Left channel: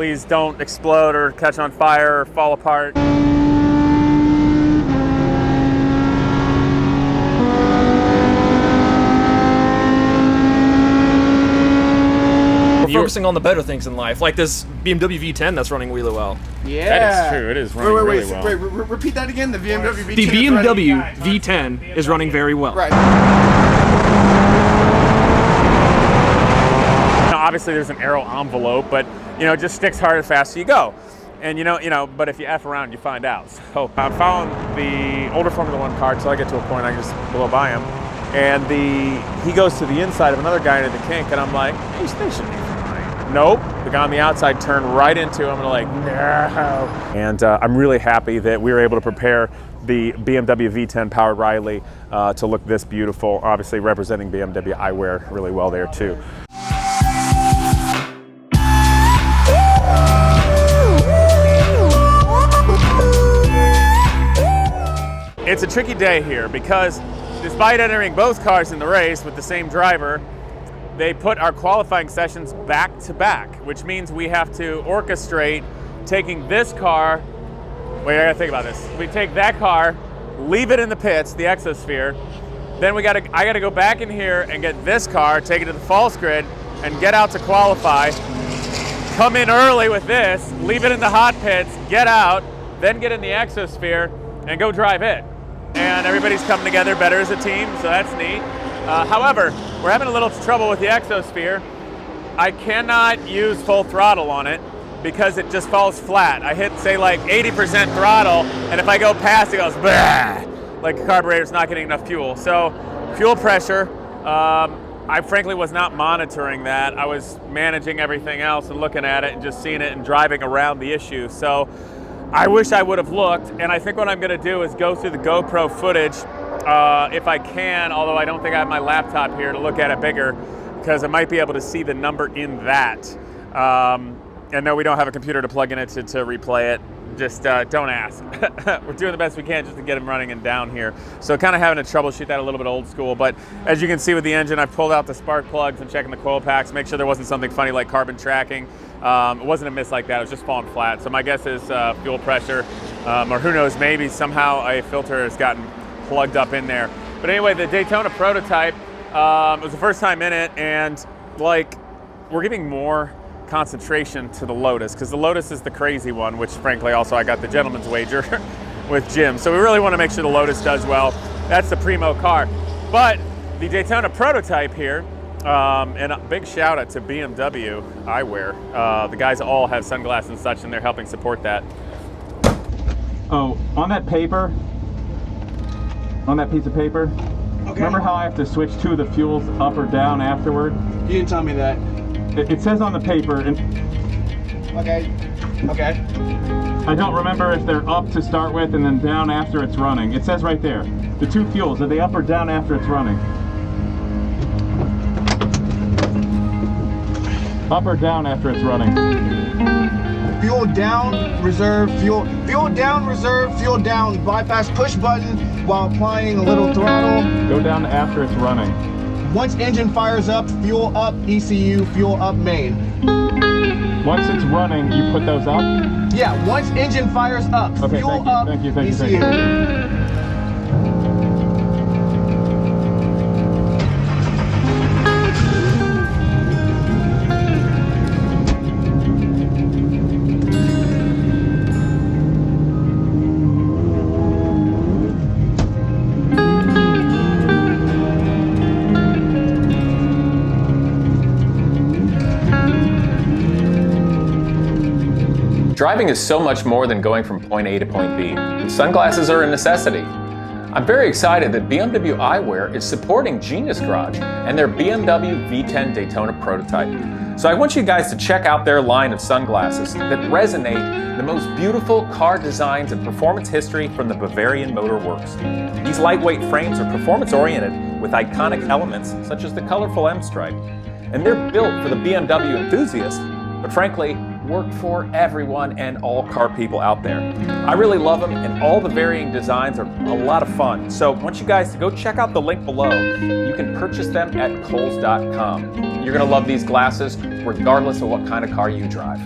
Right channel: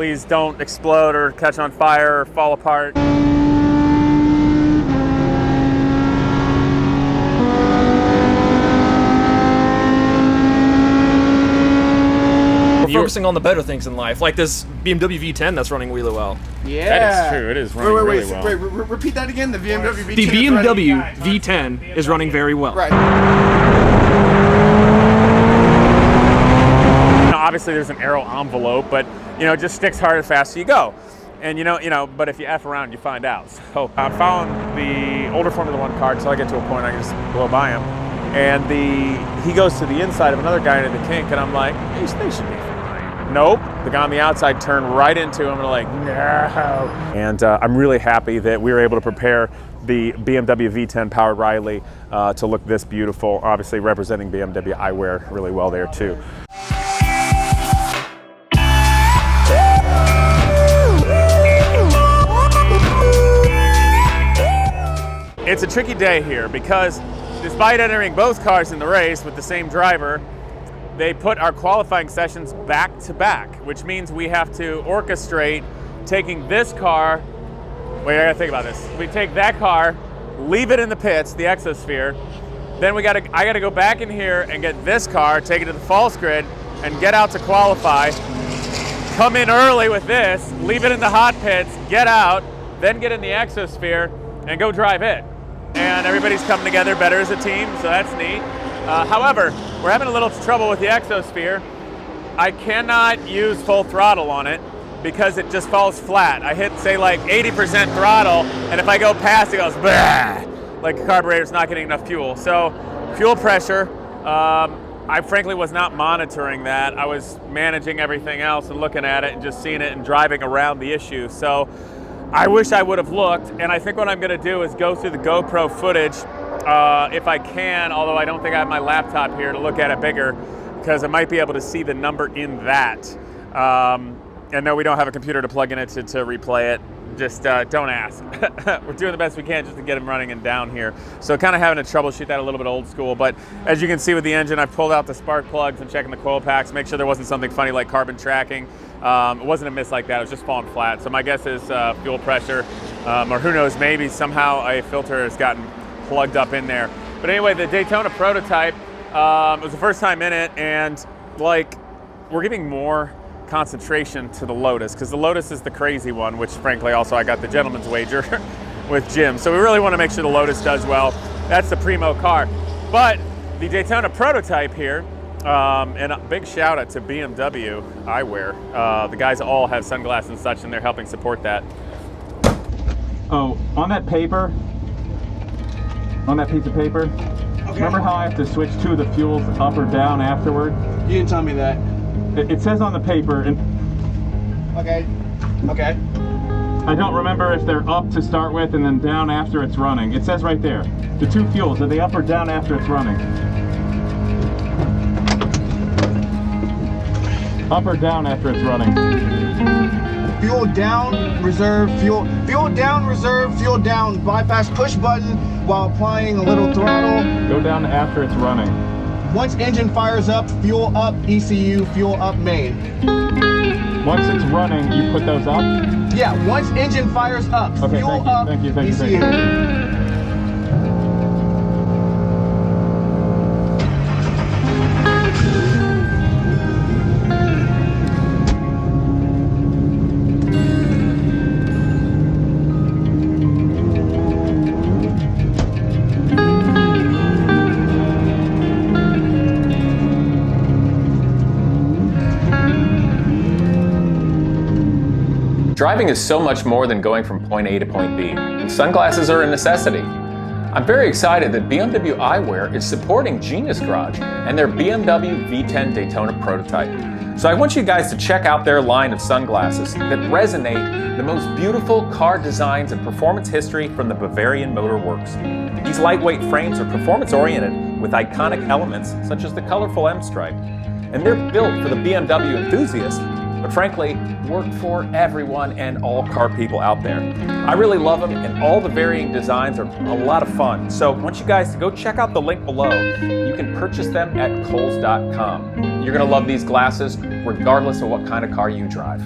Please don't explode or catch on fire or fall apart. Focusing on the better things in life, like this BMW V10 that's running really well. Yeah, that is true. It is running really well. Wait, repeat that again. The BMW V10. The BMW V10 is running very well. Right. Now, obviously, there's an aero envelope, but it just sticks hard as fast as you go. And but if you F around, you find out. So I'm following the older Formula One car until I get to a point I can just blow by him. And he goes to the inside of another guy into the kink, and I'm like, they should be fine. Nope, the guy on the outside turned right into him, and I'm like, no. And I'm really happy that we were able to prepare the BMW V10 powered Riley to look this beautiful, obviously representing BMW eyewear really well there too. It's a tricky day here because despite entering both cars in the race with the same driver, they put our qualifying sessions back to back, which means we have to orchestrate taking this car. Wait, I gotta think about this. We take that car, leave it in the pits, the Exosphere, then I gotta go back in here and get this car, take it to the false grid, and get out to qualify. Come in early with this, leave it in the hot pits, get out, then get in the Exosphere, and go drive it. And everybody's coming together better as a team, so that's neat. However, we're having a little trouble with the Exosphere. I cannot use full throttle on it because it just falls flat. I hit, say, like 80% throttle, and if I go past, it goes bah, like the carburetor's not getting enough fuel. So, fuel pressure, I frankly was not monitoring that. I was managing everything else and looking at it and just seeing it and driving around the issue. So, I wish I would have looked, and I think what I'm gonna do is go through the GoPro footage if I can, although I don't think I have my laptop here to look at it bigger, because I might be able to see the number in that. And no, we don't have a computer to plug in it to replay it. Just don't ask. We're doing the best we can just to get them running and down here. So kind of having to troubleshoot that a little bit old school, but as you can see with the engine, I've pulled out the spark plugs and checking the coil packs, make sure there wasn't something funny like carbon tracking. It wasn't a miss like that, it was just falling flat. So my guess is fuel pressure, or who knows, maybe somehow a filter has gotten plugged up in there. But anyway, the Daytona prototype, it was the first time in it, and like, we're giving more concentration to the Lotus, because the Lotus is the crazy one, which frankly also I got the gentleman's wager with Jim. So we really want to make sure the Lotus does well. That's the primo car. But the Daytona prototype here, and a big shout out to BMW eyewear. The guys all have sunglasses and such, and they're helping support that. Oh, on that paper, on that piece of paper, okay. Remember how I have to switch two of the fuels up or down afterward? You didn't tell me that. It says on the paper, and okay. I don't remember if they're up to start with and then down after it's running. It says right there, the two fuels, are they up or down after it's running? Up or down after it's running? Fuel down, reserve, fuel down, reserve, fuel down, bypass push button while applying a little throttle. Go down after it's running. Once engine fires up, fuel up ECU, fuel up main. Once it's running, you put those up? Yeah, once engine fires up, okay, fuel up ECU. Thank you. Driving is so much more than going from point A to point B. Sunglasses are a necessity. I'm very excited that BMW eyewear is supporting Genius Garage and their BMW V10 Daytona prototype. So I want you guys to check out their line of sunglasses that resonate the most beautiful car designs and performance history from the Bavarian Motor Works. These lightweight frames are performance-oriented with iconic elements such as the colorful M-stripe. And they're built for the BMW enthusiast, but frankly, work for everyone and all car people out there. I really love them, and all the varying designs are a lot of fun. So I want you guys to go check out the link below. You can purchase them at Kohl's.com. You're gonna love these glasses regardless of what kind of car you drive.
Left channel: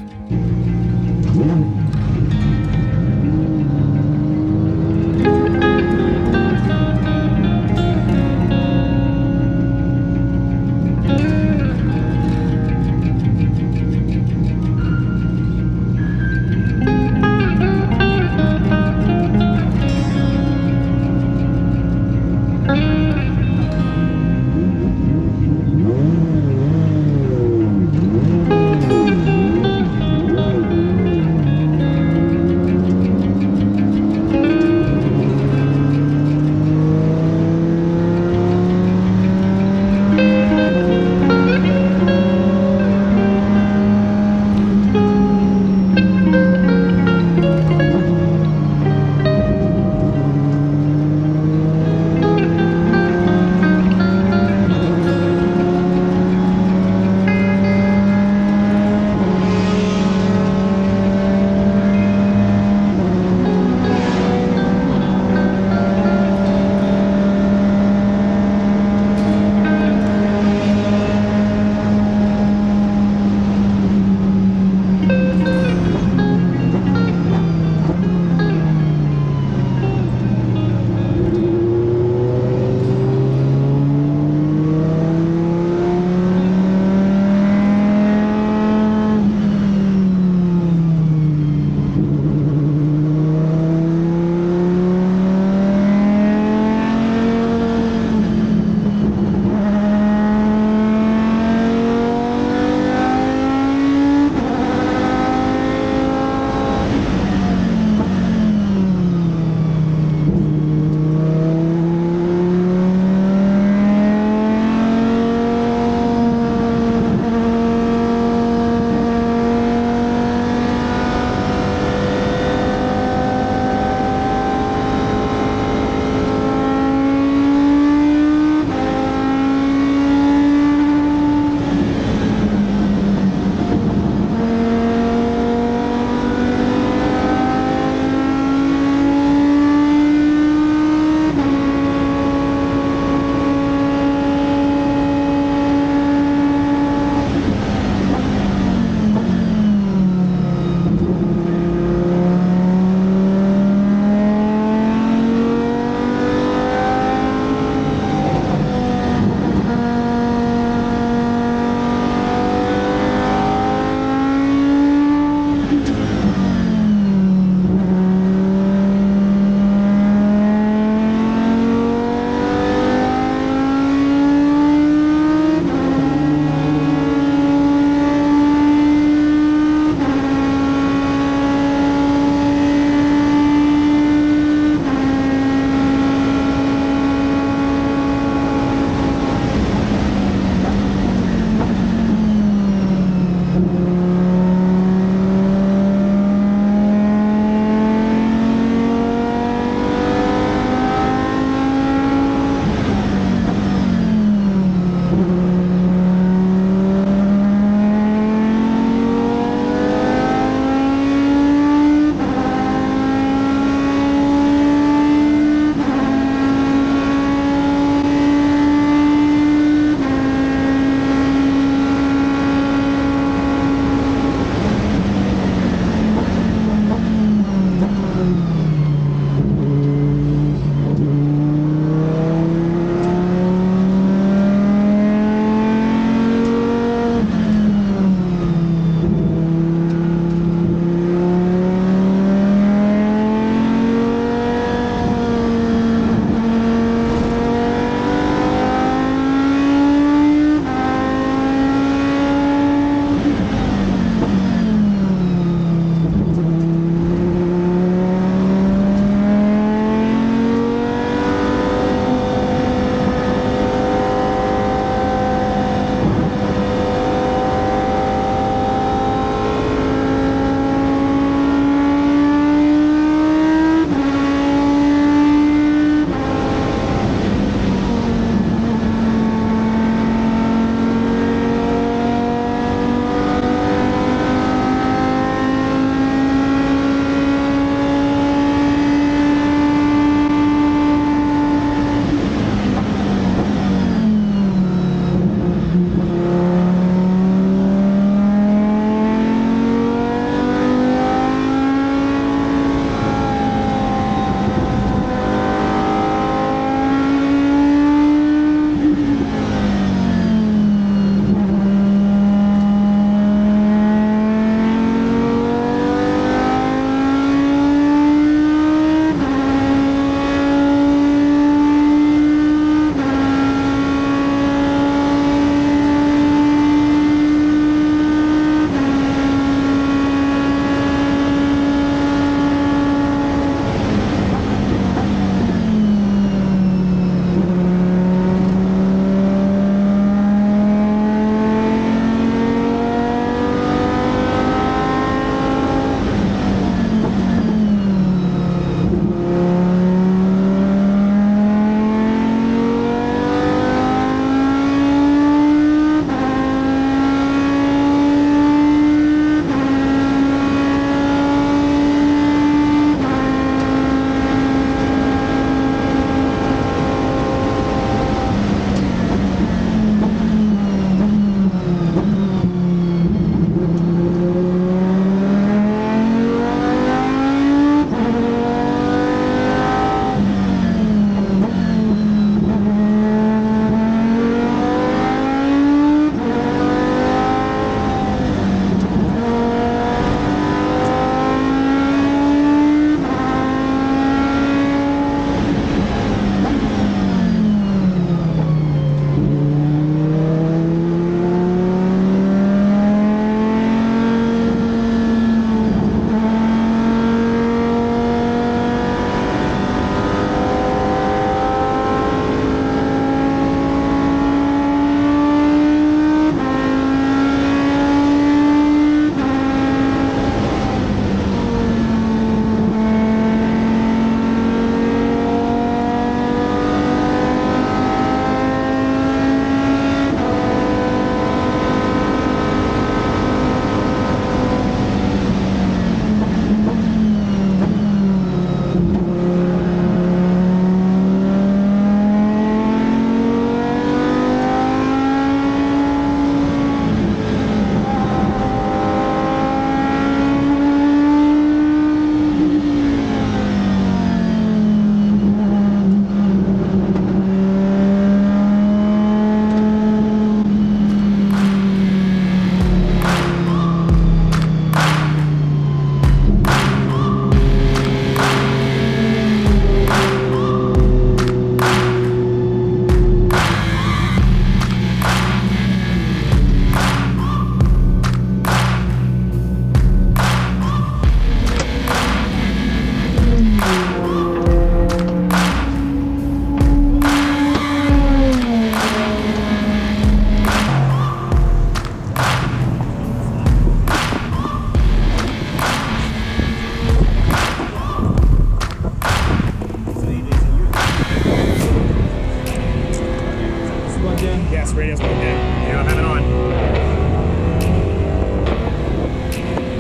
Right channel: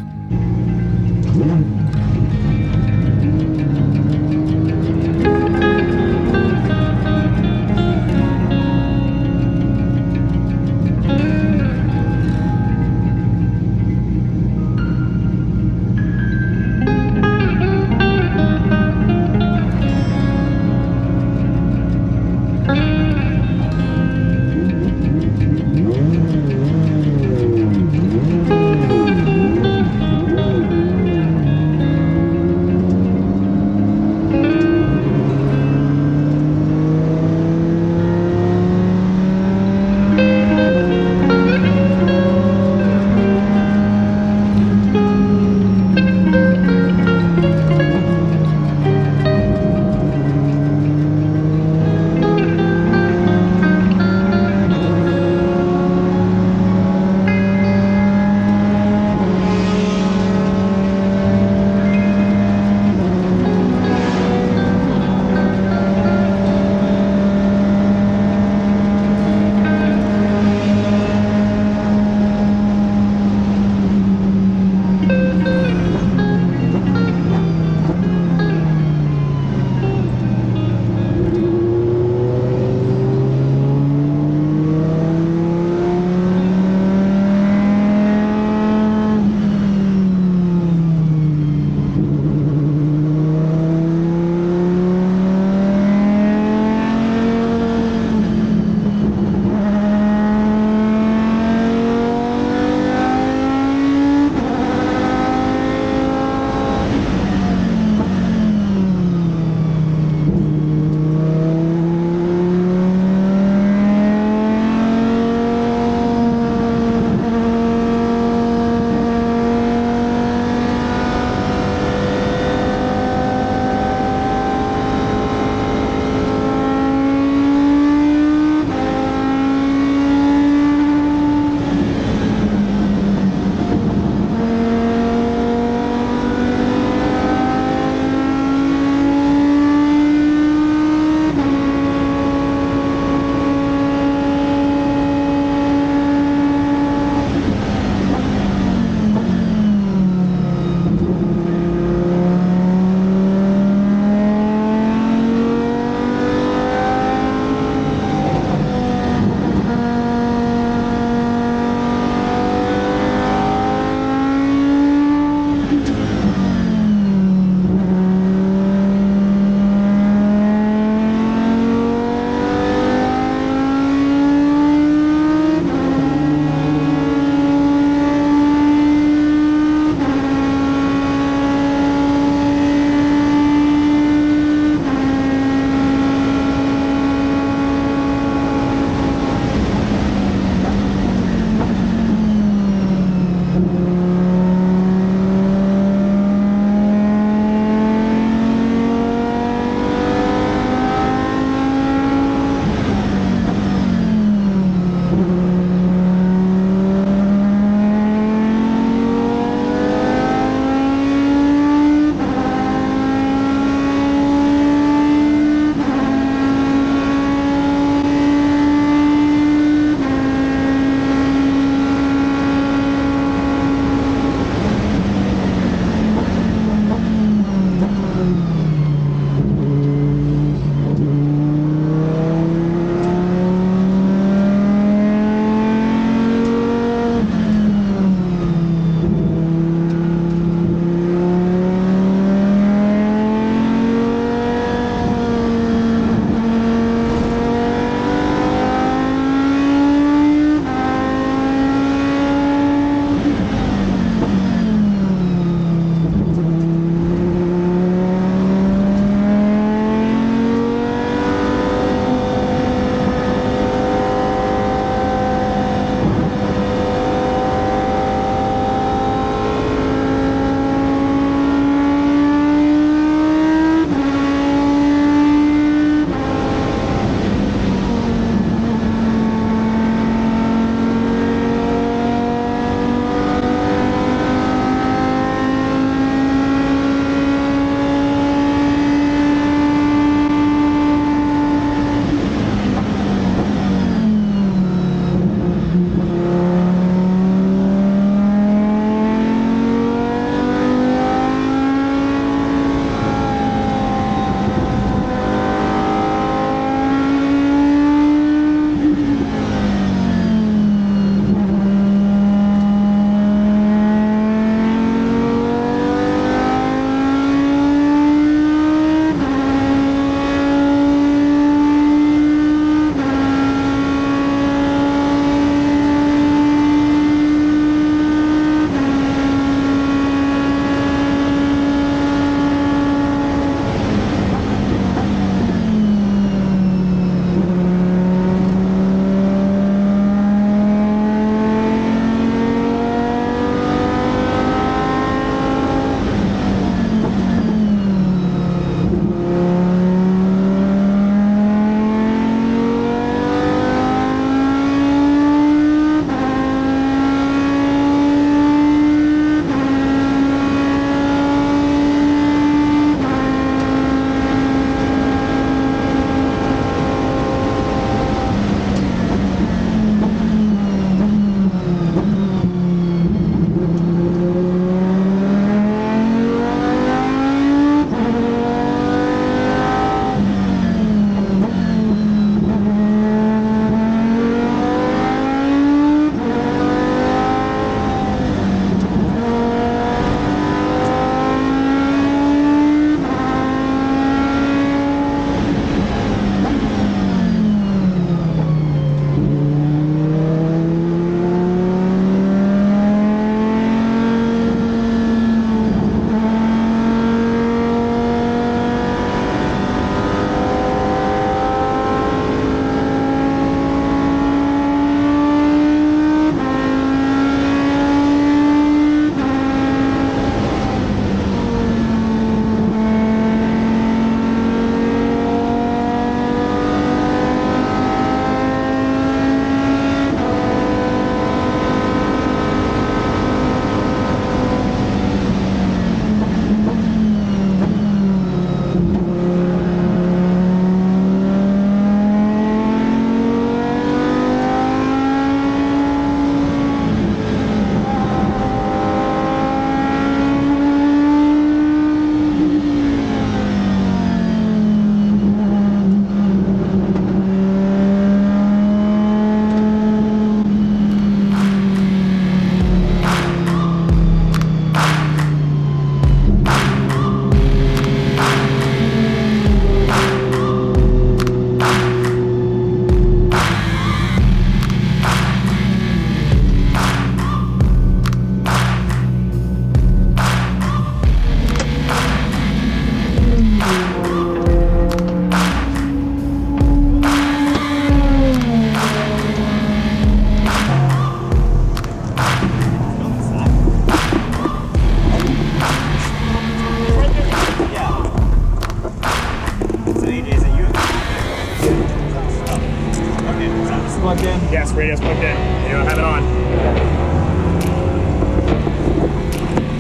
radio's plugged in. You have it on.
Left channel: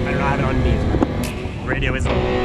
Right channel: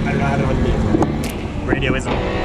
I do not have it on me. Radio is on.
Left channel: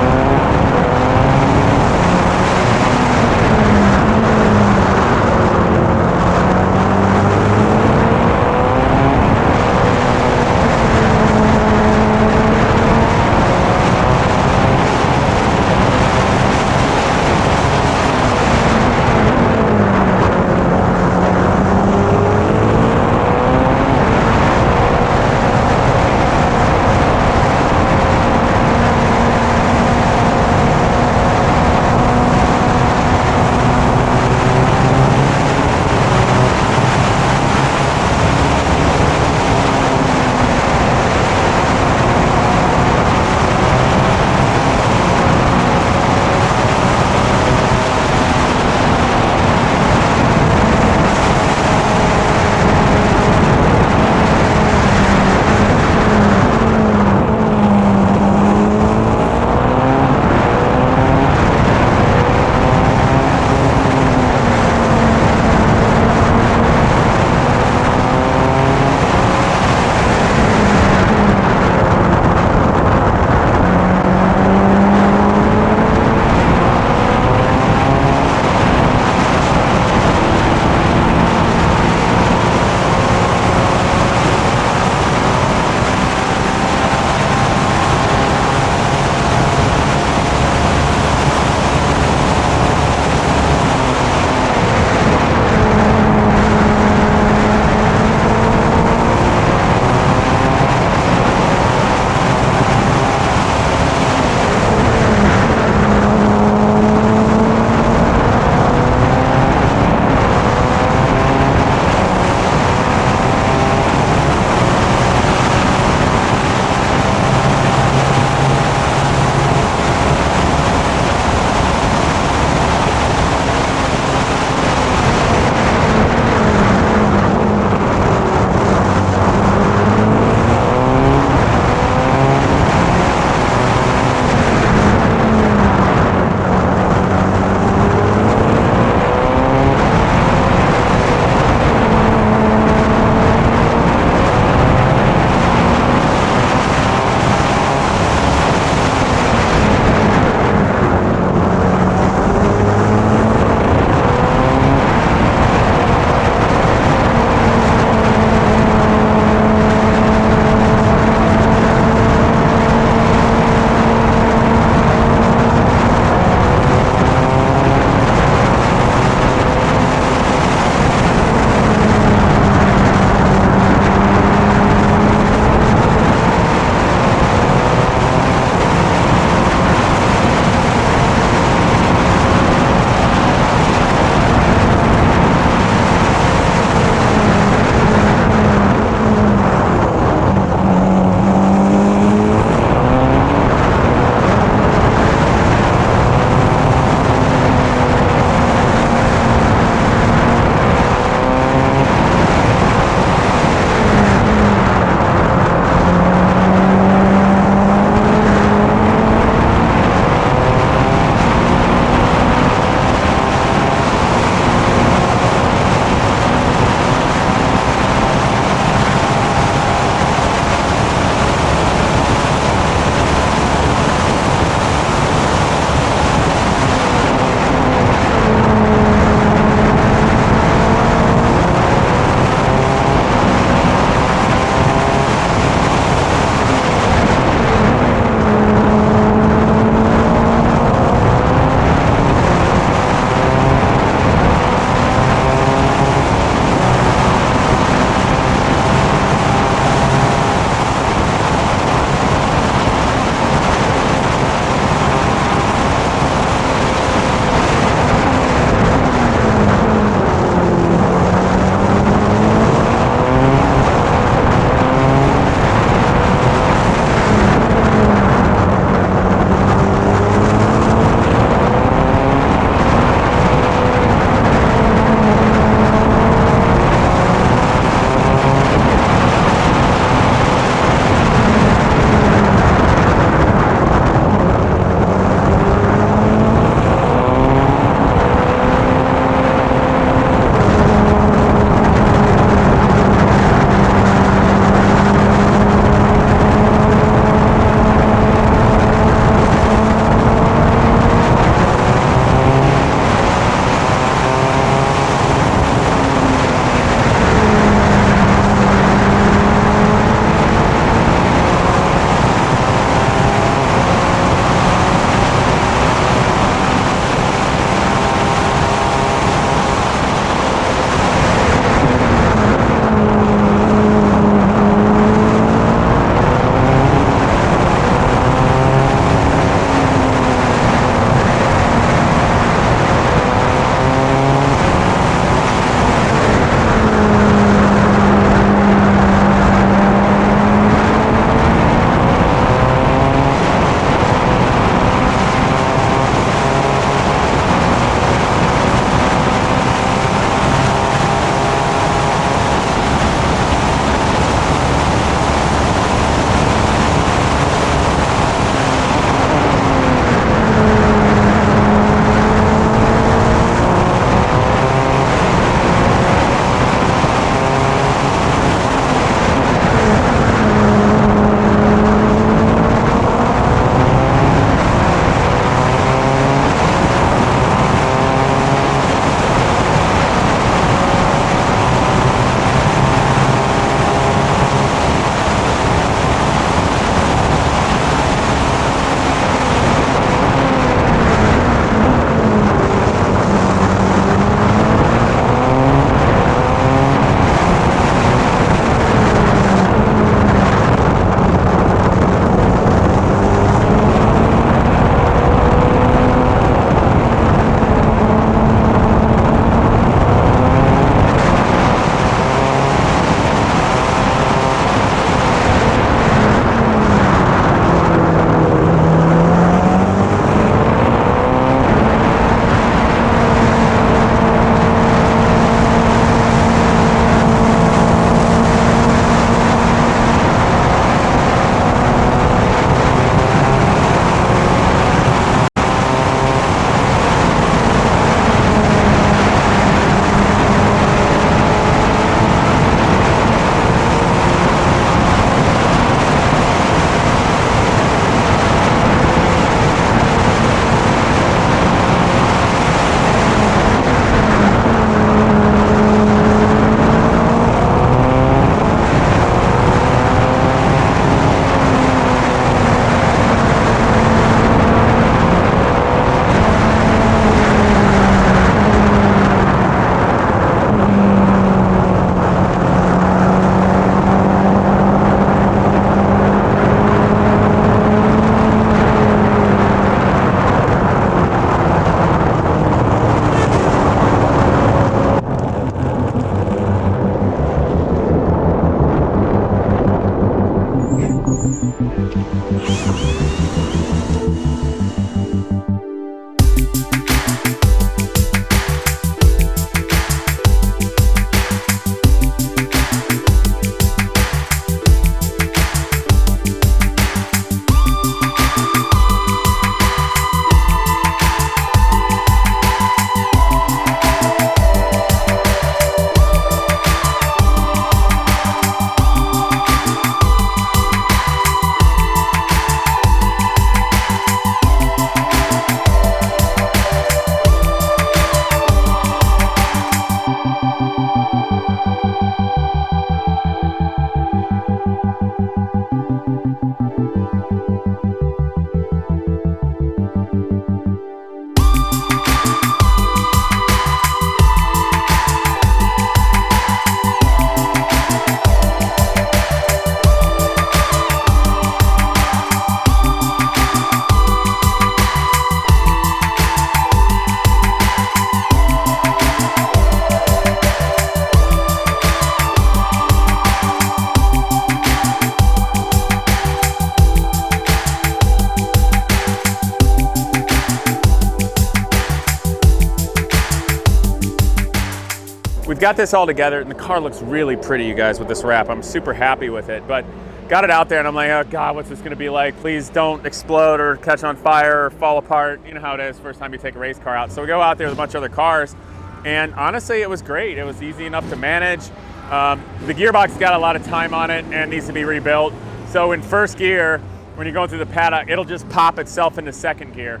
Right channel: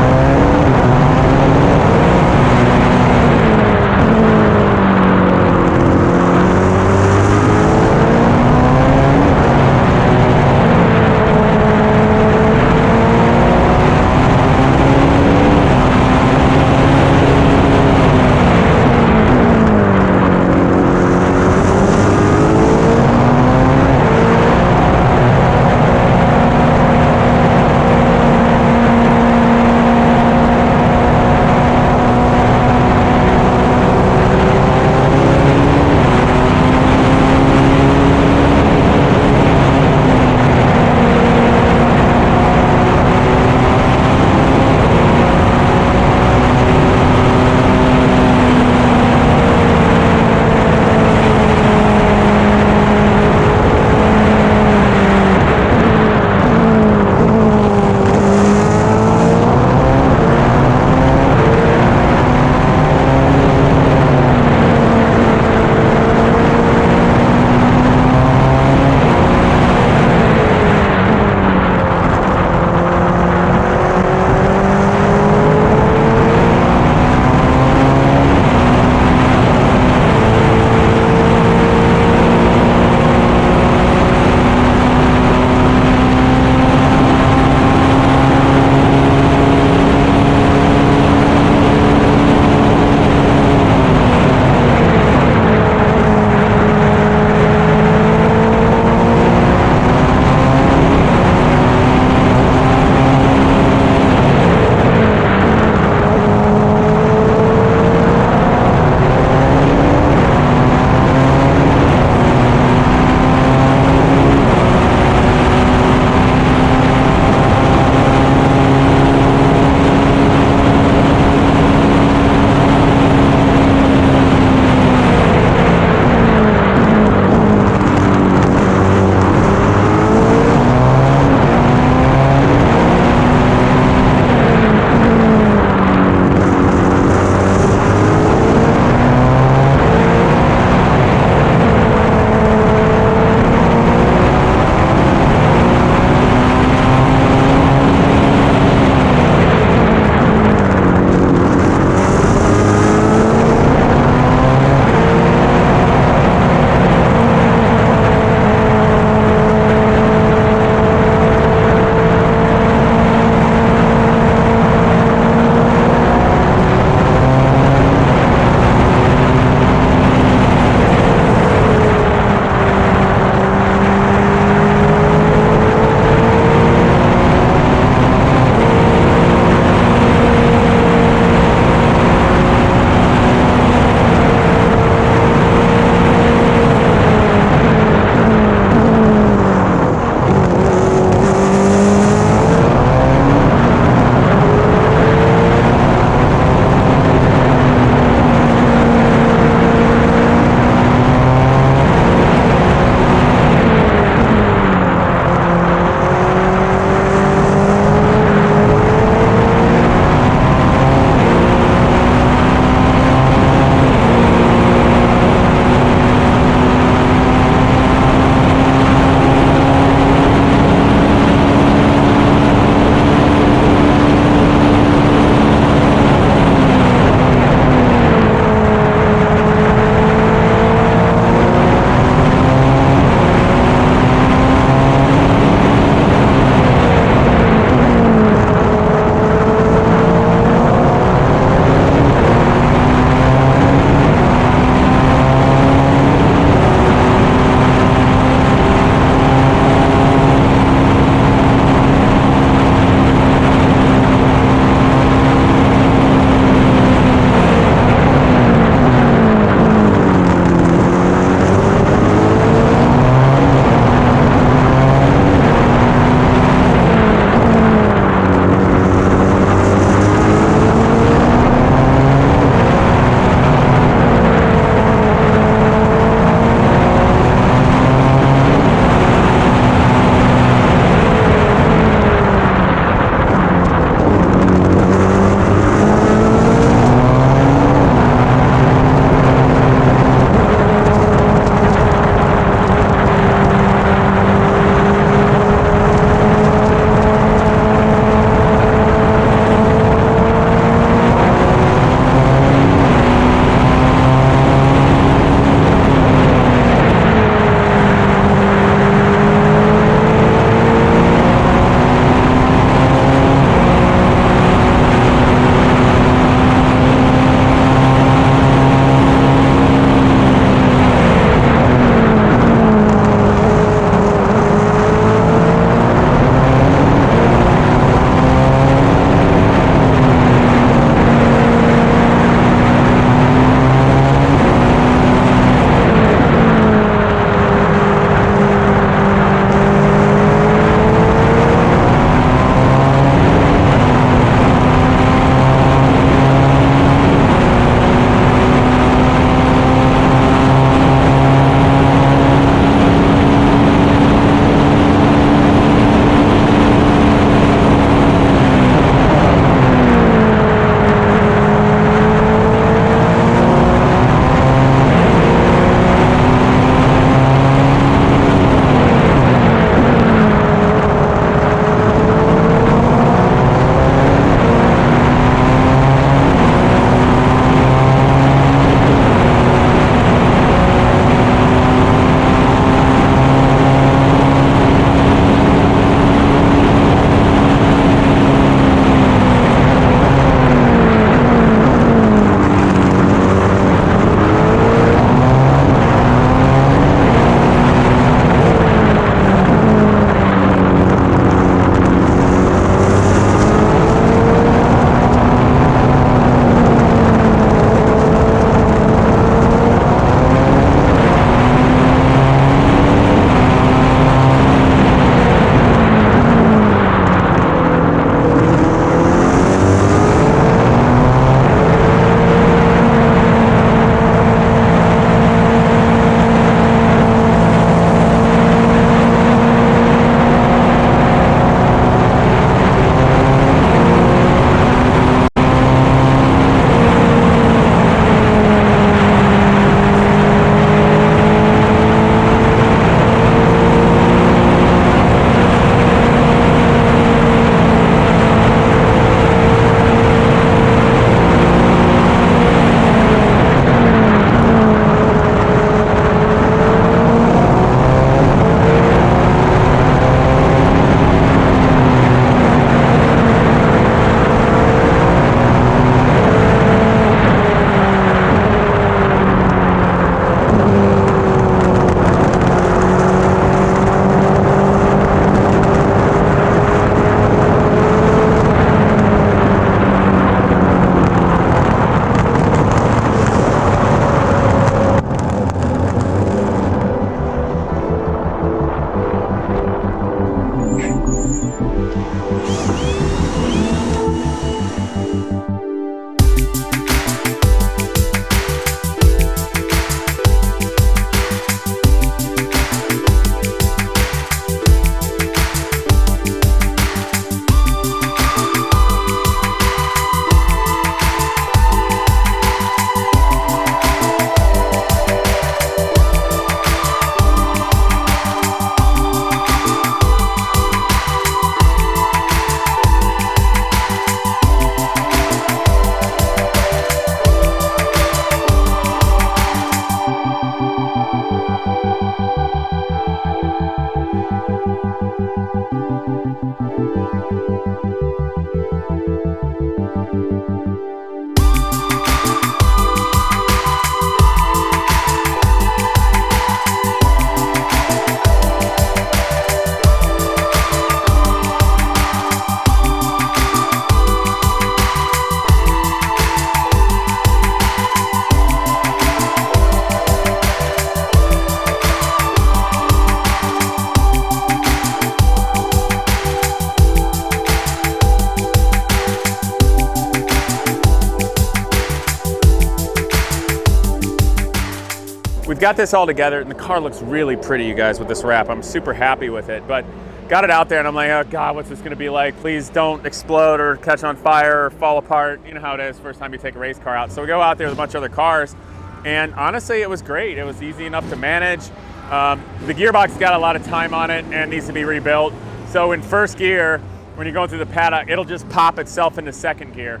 we've got this all together, and the car looks really pretty, you guys, with this wrap. I'm super happy with it, but got it out there, and I'm like, oh God, what's this gonna be like? Please don't explode or catch on fire or fall apart. You know how it is first time you take a race car out. So we go out there with a bunch of other cars, and honestly, it was great. It was easy enough to manage. The gearbox got a lot of time on it and needs to be rebuilt. So in first gear, when you're going through the paddock, it'll just pop itself into second gear.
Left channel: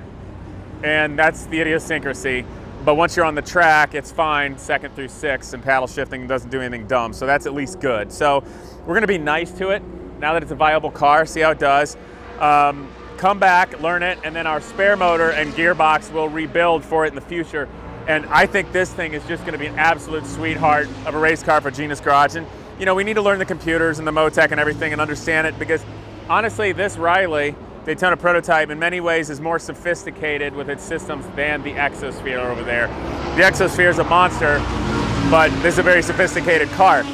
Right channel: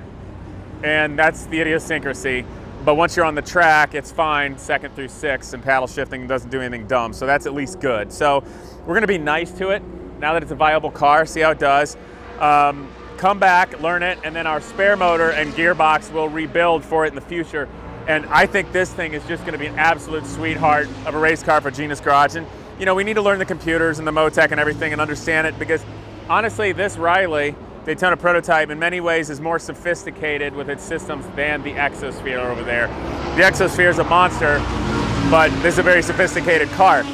And that's the idiosyncrasy. But once you're on the track, it's fine, 2nd through 6th, and paddle shifting doesn't do anything dumb. So that's at least good. So we're gonna be nice to it now that it's a viable car, see how it does. Come back, learn it, and then our spare motor and gearbox will rebuild for it in the future. And I think this thing is just gonna be an absolute sweetheart of a race car for Genius Garage. And you know, we need to learn the computers and the Motec and everything and understand it, because honestly, this Riley Daytona prototype in many ways is more sophisticated with its systems than the Exosphere over there. The Exosphere is a monster, but this is a very sophisticated car.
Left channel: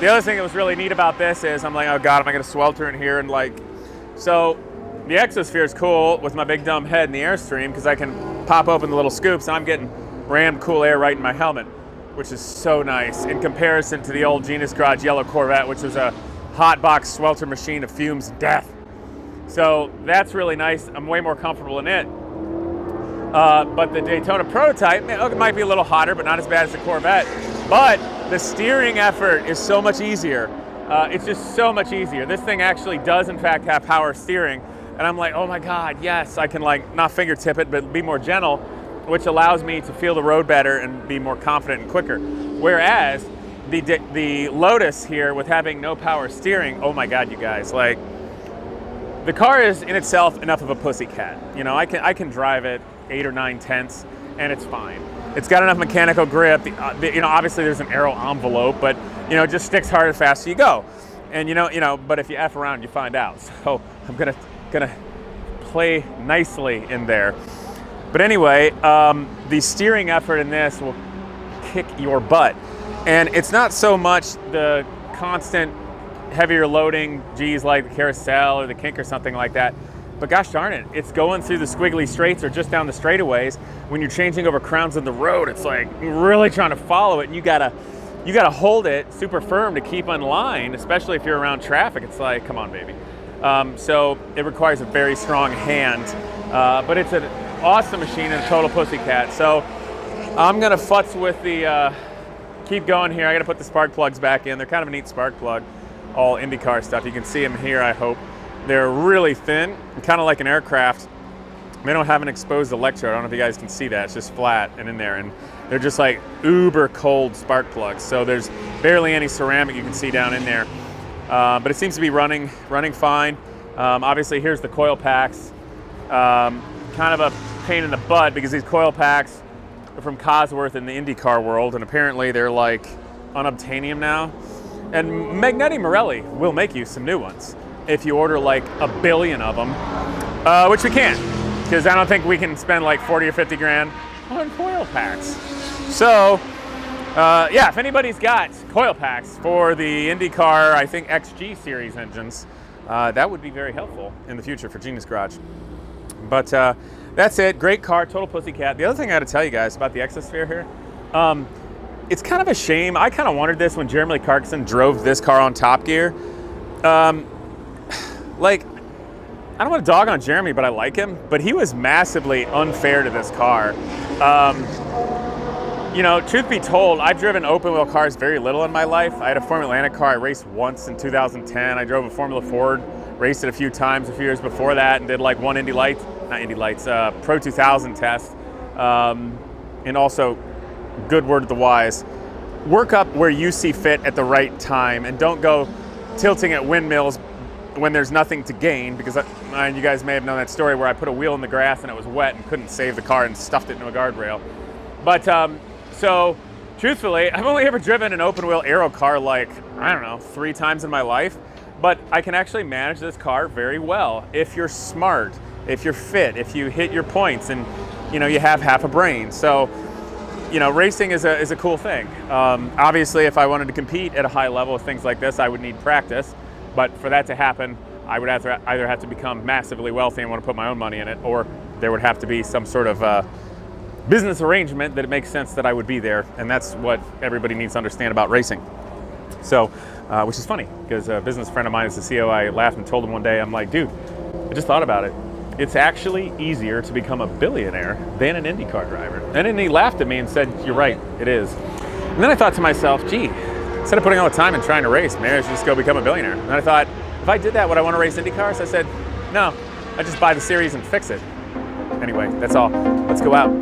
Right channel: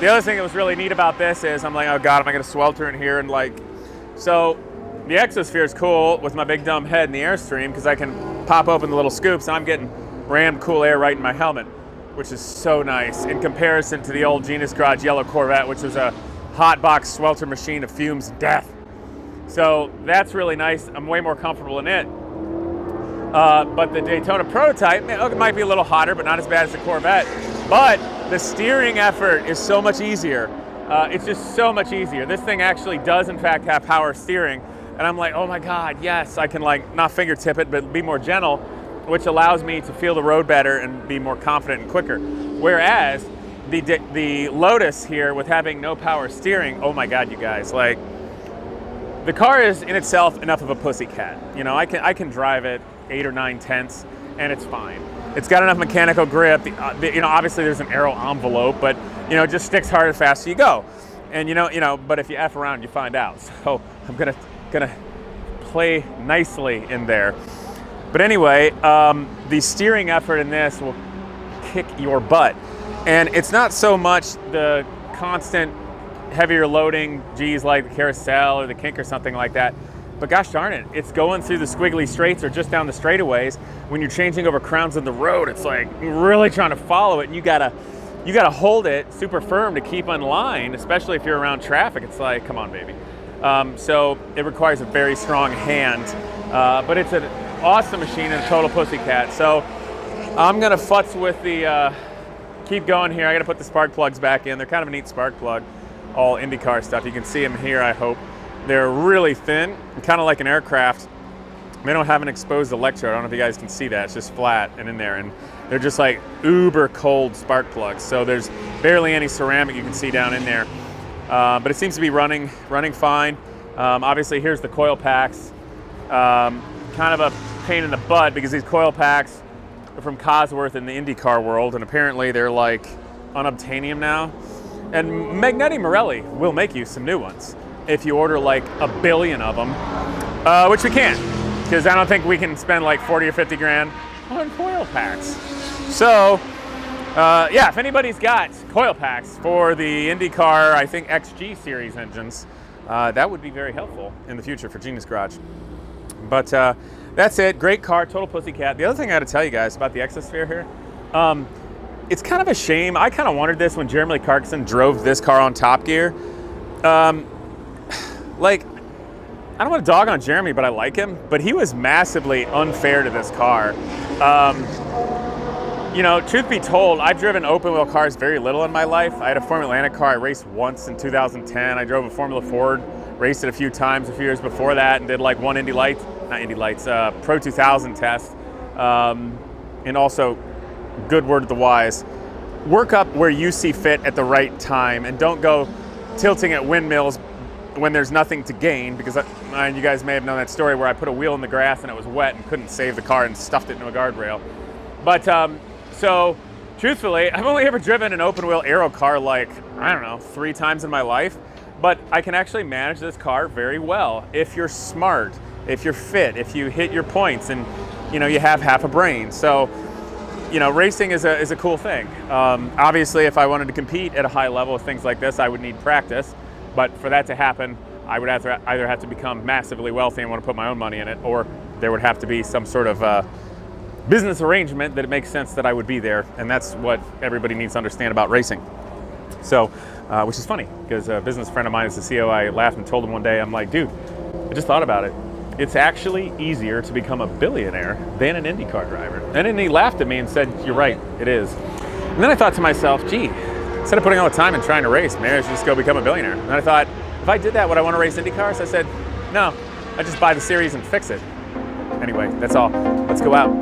The other thing that was really neat about this is I'm like, oh God, am I gonna swelter in here? And like, so the Exosphere is cool with my big dumb head in the Airstream, because I can pop open the little scoops and I'm getting rammed cool air right in my helmet, which is so nice in comparison to the old Genius Garage yellow Corvette, which was a hot box swelter machine of fumes and death. So that's really nice. I'm way more comfortable in it. But the Daytona prototype, it might be a little hotter, but not as bad as the Corvette. But the steering effort is so much easier. It's just so much easier. This thing actually does, in fact, have power steering. And I'm like, oh my God, yes, I can like not fingertip it, but be more gentle, which allows me to feel the road better and be more confident and quicker. Whereas the Lotus here, with having no power steering, oh my God, you guys, like, the car is in itself enough of a pussycat. You know, I can drive it 8 or 9 tenths and it's fine. It's got enough mechanical grip. You know, obviously there's an aero envelope, but you know, it just sticks hard as fast as you go. And you know, but if you F around, you find out. So I'm gonna play nicely in there. But anyway, the steering effort in this will kick your butt. And it's not so much the constant heavier loading G's like the carousel or the kink or something like that, but gosh darn it, it's going through the squiggly straights or just down the straightaways. When you're changing over crowns in the road, it's like really trying to follow it, and you gotta hold it super firm to keep in line, especially if you're around traffic. It's like, come on, baby. So it requires a very strong hand, but it's an awesome machine and a total pussycat. So I'm gonna futz with the keep going here. I gotta put the spark plugs back in. They're kind of a neat spark plug. All IndyCar stuff. You can see them here, I hope. They're really thin, kind of like an aircraft. They don't have an exposed electrode. I don't know if you guys can see that. It's just flat and in there. And they're just like uber cold spark plugs. So there's barely any ceramic you can see down in there. But it seems to be running fine. Obviously, here's the coil packs. Kind of a pain in the butt because these coil packs are from Cosworth in the IndyCar world. And apparently they're like unobtainium now. And Magnetti Morelli will make you some new ones if you order like 1 billion of them, which we can't, because I don't think we can spend like 40 or 50 grand on coil packs. So, yeah, if anybody's got coil packs for the IndyCar, I think XG series engines, that would be very helpful in the future for Genius Garage. But that's it. Great car, total pussycat. The other thing I got to tell you guys about the Exosphere here. It's kind of a shame. I kind of wanted this when Jeremy Clarkson drove this car on Top Gear. Like, I don't want to dog on Jeremy, but I like him. But he was massively unfair to this car. You know, truth be told, I've driven open wheel cars very little in my life. I had a Formula Atlantic car I raced once in 2010. I drove a Formula Ford, raced it a few times a few years before that, and did like one Pro 2000 test. And also, good word to the wise, work up where you see fit at the right time and don't go tilting at windmills when there's nothing to gain, because you guys may have known that story where I put a wheel in the grass and it was wet and couldn't save the car and stuffed it into a guardrail. But so truthfully, I've only ever driven an open wheel aero car like, I don't know, 3 times in my life, but I can actually manage this car very well if you're smart, if you're fit, if you hit your points and you know you have half a brain. So you know, racing is a cool thing. Obviously, if I wanted to compete at a high level with things like this, I would need practice. But for that to happen, I would either have to become massively wealthy and want to put my own money in it, or there would have to be some sort of business arrangement that it makes sense that I would be there, and that's what everybody needs to understand about racing. So, which is funny, because a business friend of mine is the CEO. I laughed and told him one day, I'm like, dude, I just thought about it. It's actually easier to become a billionaire than an IndyCar driver. And then he laughed at me and said, you're right, it is. And then I thought to myself, gee, instead of putting all the time and trying to race, maybe I should just go become a billionaire. And I thought, if I did that, would I want to race IndyCars? I said, no, I just buy the series and fix it. Anyway, that's all. Let's go out.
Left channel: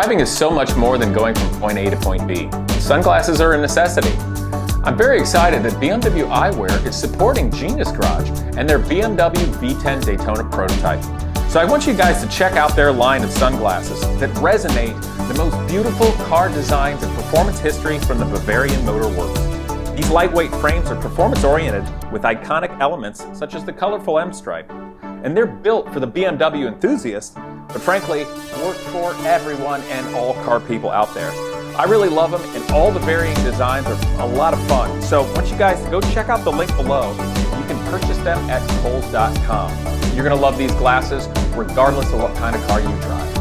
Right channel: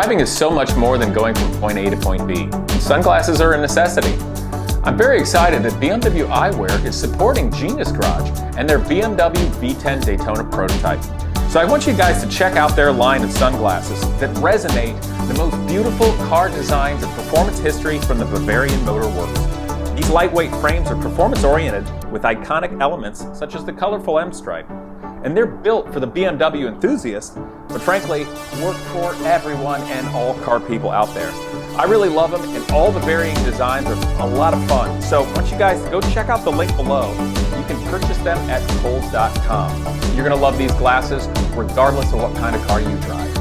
Driving is so much more than going from point A to point B. Sunglasses are a necessity. I'm very excited that BMW eyewear is supporting Genius Garage and their BMW V10 Daytona prototype. So I want you guys to check out their line of sunglasses that resonate the most beautiful car designs and performance history from the Bavarian Motor Works. These lightweight frames are performance-oriented with iconic elements such as the colorful M-stripe. And they're built for the BMW enthusiast, but frankly, work for everyone and all car people out there. I really love them, and all the varying designs are a lot of fun. So I want you guys to go check out the link below. You can purchase them at Kohl's.com. You're gonna love these glasses regardless of what kind of car you drive.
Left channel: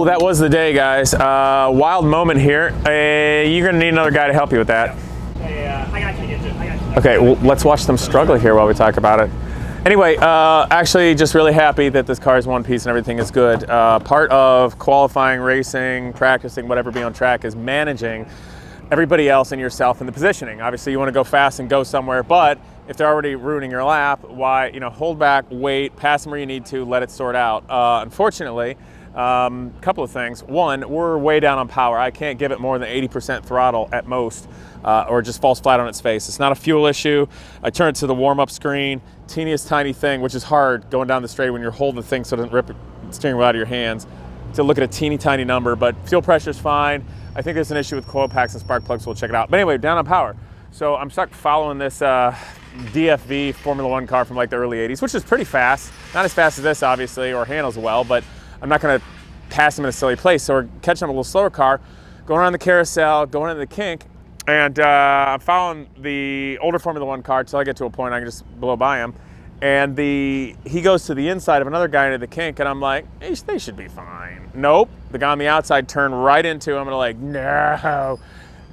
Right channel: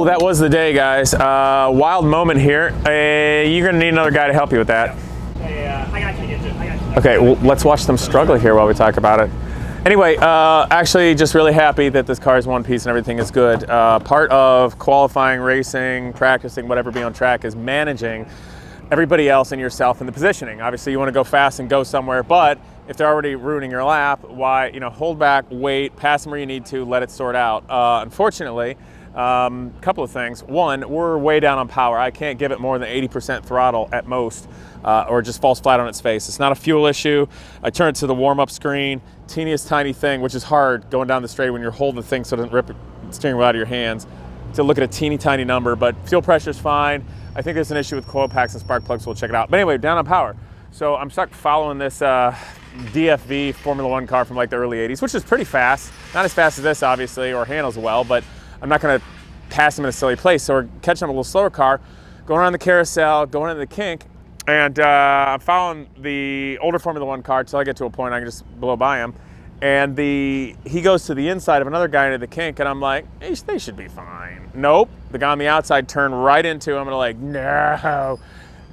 Whoa, that was the day, guys. Wild moment here. You're gonna need another guy to help you with that. I got you. Okay, well, let's watch them struggle here while we talk about it. Anyway, actually just really happy that this car is one piece and everything is good. Part of qualifying, racing, practicing, whatever, be on track is managing everybody else and yourself in the positioning. Obviously you want to go fast and go somewhere, but if they're already ruining your lap, why, hold back, wait, pass them where you need to, let it sort out. Unfortunately, couple of things. One, we're way down on power. I can't give it more than 80% throttle at most, or just falls flat on its face. It's not a fuel issue. I turn it to the warm-up screen, teeniest tiny thing, which is hard going down the straight when you're holding the thing so it doesn't rip the steering wheel out of your hands, to look at a teeny tiny number, but fuel pressure's fine. I think there's an issue with coil packs and spark plugs, so we'll check it out. But anyway, down on power. So I'm stuck following this DFV Formula One car from like the early 80s, which is pretty fast. Not as fast as this, obviously, or handles well, but I'm not gonna pass him in a silly place. So we're catching up a little slower car, going around the carousel, going into the kink, and I'm following the older Formula One car until I get to a point I can just blow by him. And he goes to the inside of another guy into the kink, and I'm like, hey, they should be fine. Nope, the guy on the outside turned right into him, and I'm like, no.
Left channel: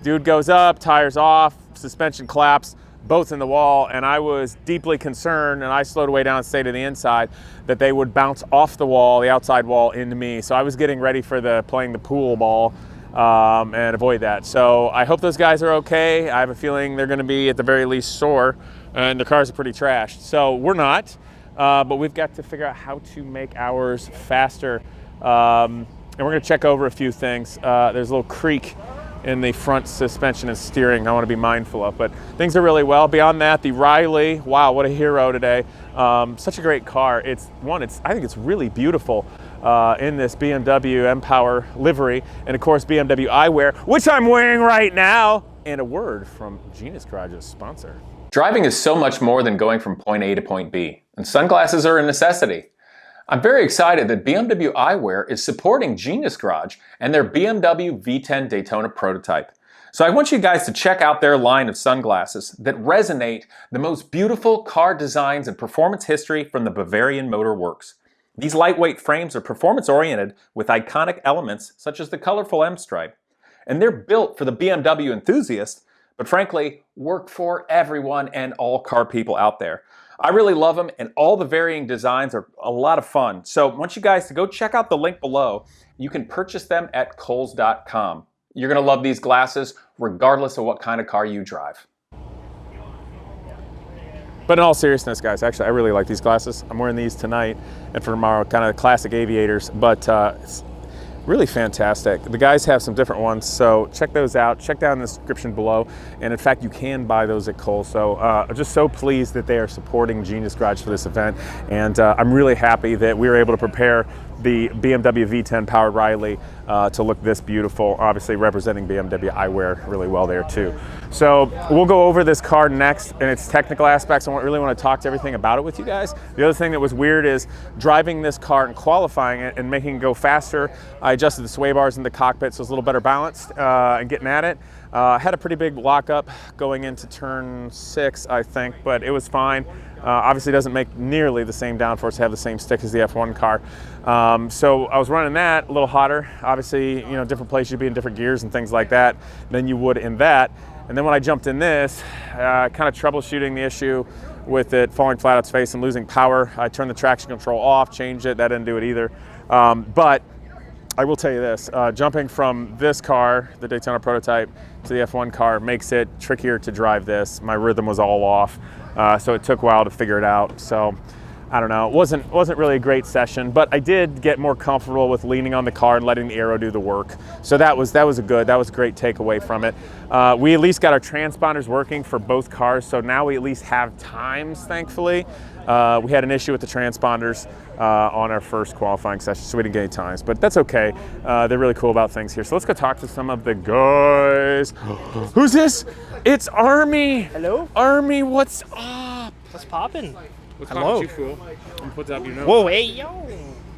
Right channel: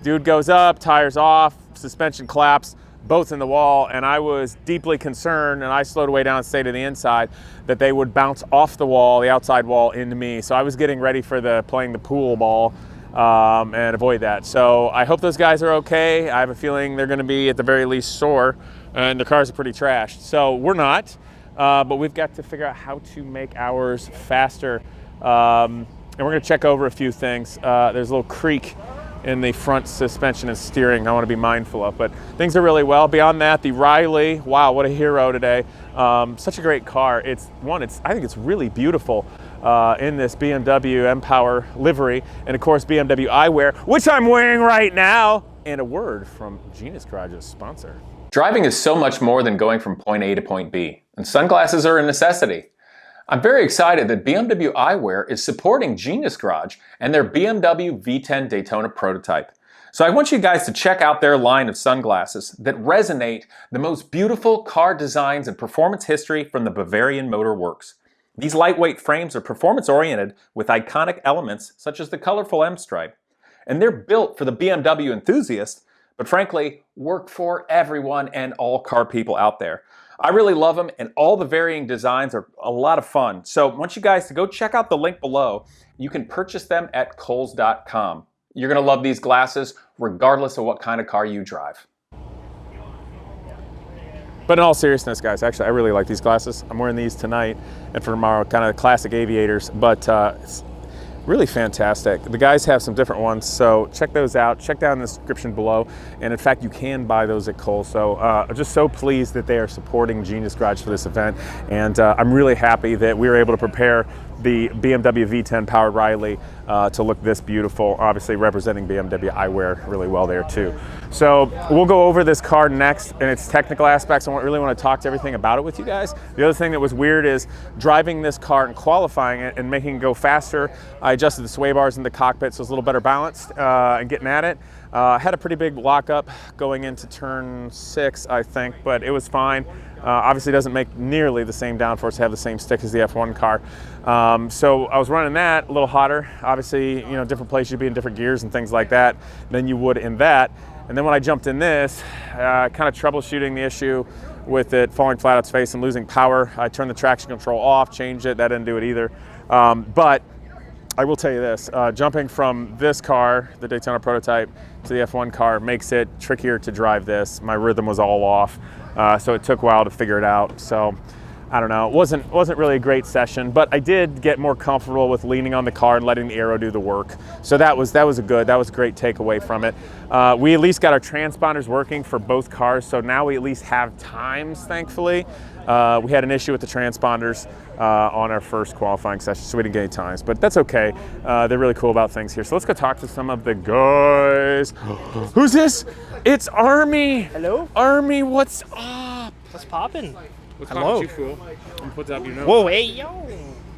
Dude goes up, tires off, suspension collapsed, both in the wall, and I was deeply concerned, and I slowed way down and stayed to the inside, that they would bounce off the wall, the outside wall, into me. So I was getting ready for playing the pool ball and avoid that. So I hope those guys are okay. I have a feeling they're gonna be at the very least sore, and the cars are pretty trashed. So we're not, but we've got to figure out how to make ours faster. And we're gonna check over a few things. There's a little creak in the front suspension and steering I want to be mindful of, but things are really well. Beyond that, the Riley, wow, what a hero today. Such a great car. I think it's really beautiful in this BMW M-Power livery, and of course BMW eyewear, which I'm wearing right now, and a word from Genius Garage's sponsor. Driving is so much more than going from point A to point B, and sunglasses are a necessity. I'm very excited that BMW eyewear is supporting Genius Garage and their BMW V10 Daytona prototype. So I want you guys to check out their line of sunglasses that resonate the most beautiful car designs and performance history from the Bavarian Motor Works. These lightweight frames are performance-oriented with iconic elements such as the colorful M-stripe. And they're built for the BMW enthusiast, but frankly, work for everyone and all car people out there. I really love them, and all the varying designs are a lot of fun. So I want you guys to go check out the link below. You can purchase them at Kohl's.com. You're gonna love these glasses regardless of what kind of car you drive. But in all seriousness, guys, actually, I really like these glasses. I'm wearing these tonight and for tomorrow, kind of classic aviators, but it's really fantastic. The guys have some different ones, so check those out. Check down in the description below. And in fact, you can buy those at Kohl's. So I'm just so pleased that they are supporting Genius Garage for this event. And I'm really happy that we were able to prepare the BMW V10 powered Riley to look this beautiful, obviously representing BMW eyewear really well there too. So we'll go over this car next and its technical aspects. I really want to talk to everything about it with you guys. The other thing that was weird is driving this car and qualifying it and making it go faster. I adjusted the sway bars in the cockpit so it's a little better balanced and getting at it. Had a pretty big lockup going into turn 6, I think, but it was fine. Obviously doesn't make nearly the same downforce to have the same stick as the F1 car. So I was running that a little hotter. Obviously, different places you'd be in different gears and things like that than you would in that. And then when I jumped in this, kind of troubleshooting the issue with it falling flat on its face and losing power. I turned the traction control off, changed it, that didn't do it either. But I will tell you this, jumping from this car, the Daytona prototype, to the F1 car makes it trickier to drive this. My rhythm was all off, so it took a while to figure it out. So I don't know, it wasn't really a great session, but I did get more comfortable with leaning on the car and letting the aero do the work. So that was a great takeaway from it. We at least got our transponders working for both cars, so now we at least have times, thankfully. We had an issue with the transponders on our first qualifying session, so we didn't get any times, but that's okay. They're really cool about things here. So let's go talk to some of the guys. Who's this? It's Army. Hello? Army, what's up? What's poppin'? What's Hello. you, fool? I'm put up your nose. Whoa, hey, yo.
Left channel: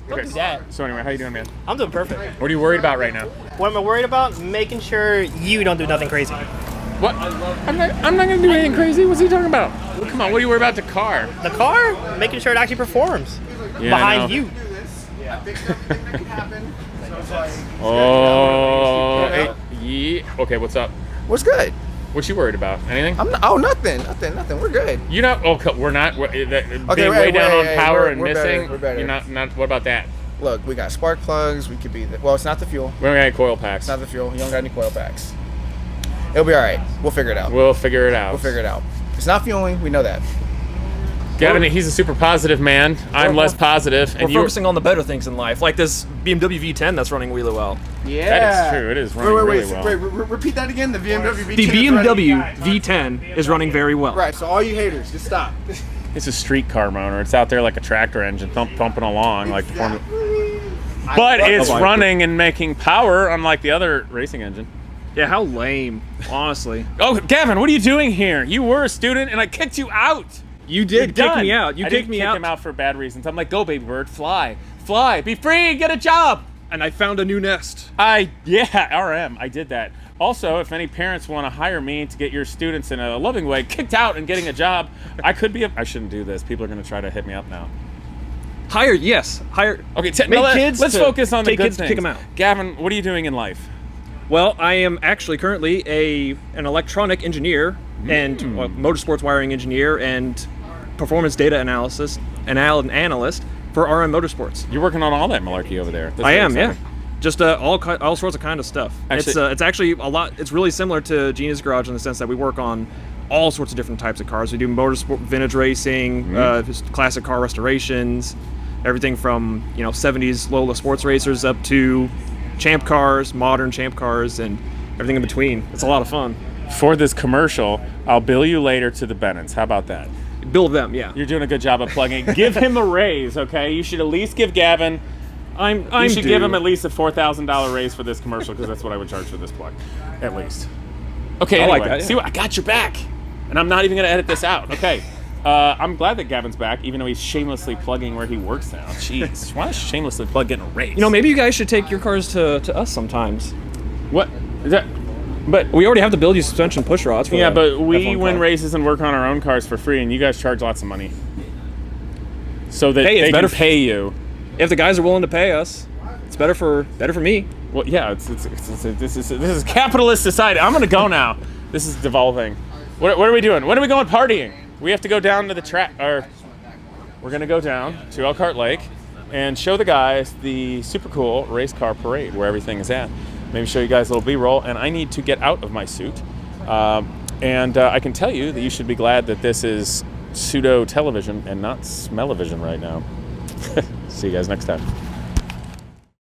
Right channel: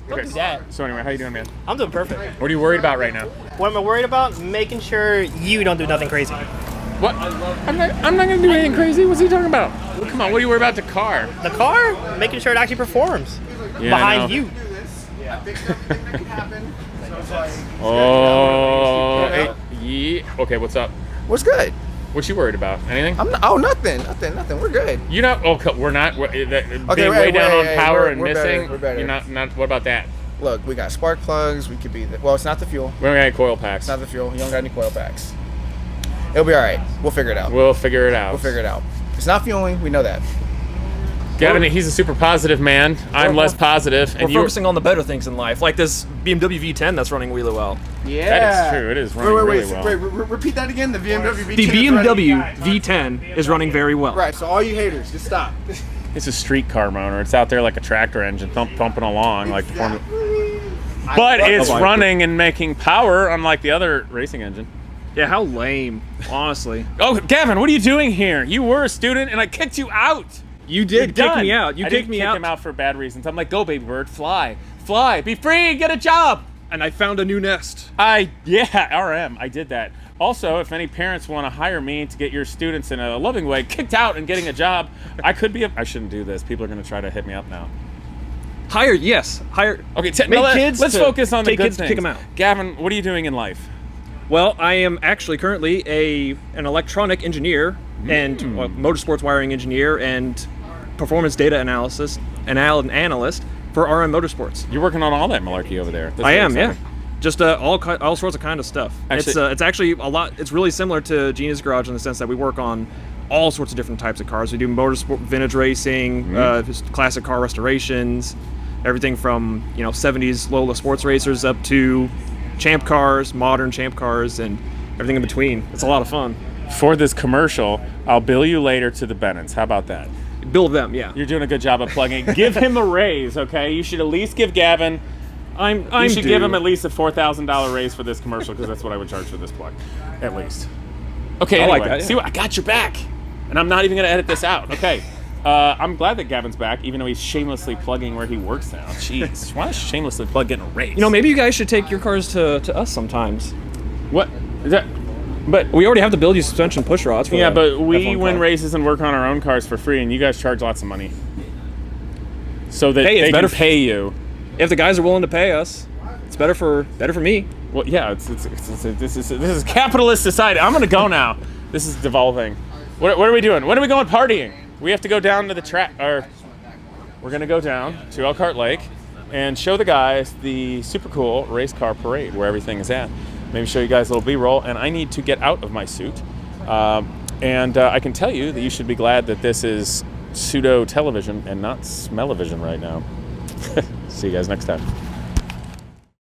Don't Okay. do that. So anyway, how you doing, man? I'm doing perfect. What are you worried about right now? What am I worried about? Making sure you don't do nothing crazy. What? I'm not gonna do anything crazy. What's he talking about? Well, come on, what are you worried about the car? The car? Making sure it actually performs. Yeah, Behind you. Oh, yeah. Okay, what's up? What's good? What you worried about? Anything? Nothing. We're good. You know, we're not. Being Okay, way down on power we're and better, missing. we're better. You're not. What about that? Look, we got spark plugs. We could be. Well, it's not the fuel. We don't got any coil packs. It's not the fuel. You don't got any coil packs. It'll be all right. We'll figure it out. We'll figure it out. It's not fueling. We know that. Gavin, he's a super positive man. I'm less positive, We're and you're. focusing on the better things in life, like this BMW V10 that's running really well. Yeah. That is true. It is running really well. Repeat that again. The BMW V10. The BMW V10 is running very well. Right. So all you haters, just stop. It's a street car motor. It's out there like a tractor engine, thumping along like. But it's running and making power, unlike the other racing engine. Yeah, how lame, honestly. Oh, Gavin, what are you doing here? You were a student, and I kicked you out. You did kick me out. You kicked me out. I didn't kick him out for bad reasons. I'm like, go, baby bird, fly, be free, get a job. And I found a new nest. RM, I did that. Also, if any parents want to hire me to get your students in a loving way kicked out and getting a job, I shouldn't do this. People are going to try to hit me up now. Hire. Okay, kids. Let's focus on the good kids, things. kick them out. Gavin, what are you doing in life? Well, I am actually currently an electronic engineer and motorsports wiring engineer and performance data analyst for RM Motorsports. You're working on all that malarkey over there. I am, yeah. Just all sorts of kind of stuff. Actually, it's actually a lot. It's really similar to Genius Garage in the sense that we work on all sorts of different types of cars. We do motorsport, vintage racing, just classic car restorations, everything from 70s Lola sports racers up to champ cars, modern champ cars, and everything in between. It's a lot of fun. For this commercial, I'll bill you later to the Bennetts. How about that? Build them, yeah. You're doing a good job of plugging. Give him a raise, okay? You should at least give Gavin. You should give him at least a $4,000 raise for this commercial because that's what I would charge for this plug, at least. Okay, anyway, like that, yeah. See what I got your back, and I'm not even gonna edit this out. Okay, I'm glad that Gavin's back, even though he's shamelessly plugging where he works now. Jeez, why shamelessly plug getting a raise? Maybe you guys should take your cars to us sometimes. What? Is that? But we already have to build you suspension push rods. For but we F1 win car. races and work on our own cars for free, and you guys charge lots of money, so that Hey, it's they better can pay you. If the guys are willing to pay us, it's better for me. Well, yeah, this is capitalist society. I'm gonna go now. This is devolving. What are we doing? When are we going partying? We have to go down to the track, or we're gonna go down to Elkhart Lake and show the guys the super cool race car parade where everything is at. Maybe show you guys a little B-roll, and I need to get out of my suit. And I can tell you that you should be glad that this is pseudo television and not smell-o-vision right now. See you guys next time.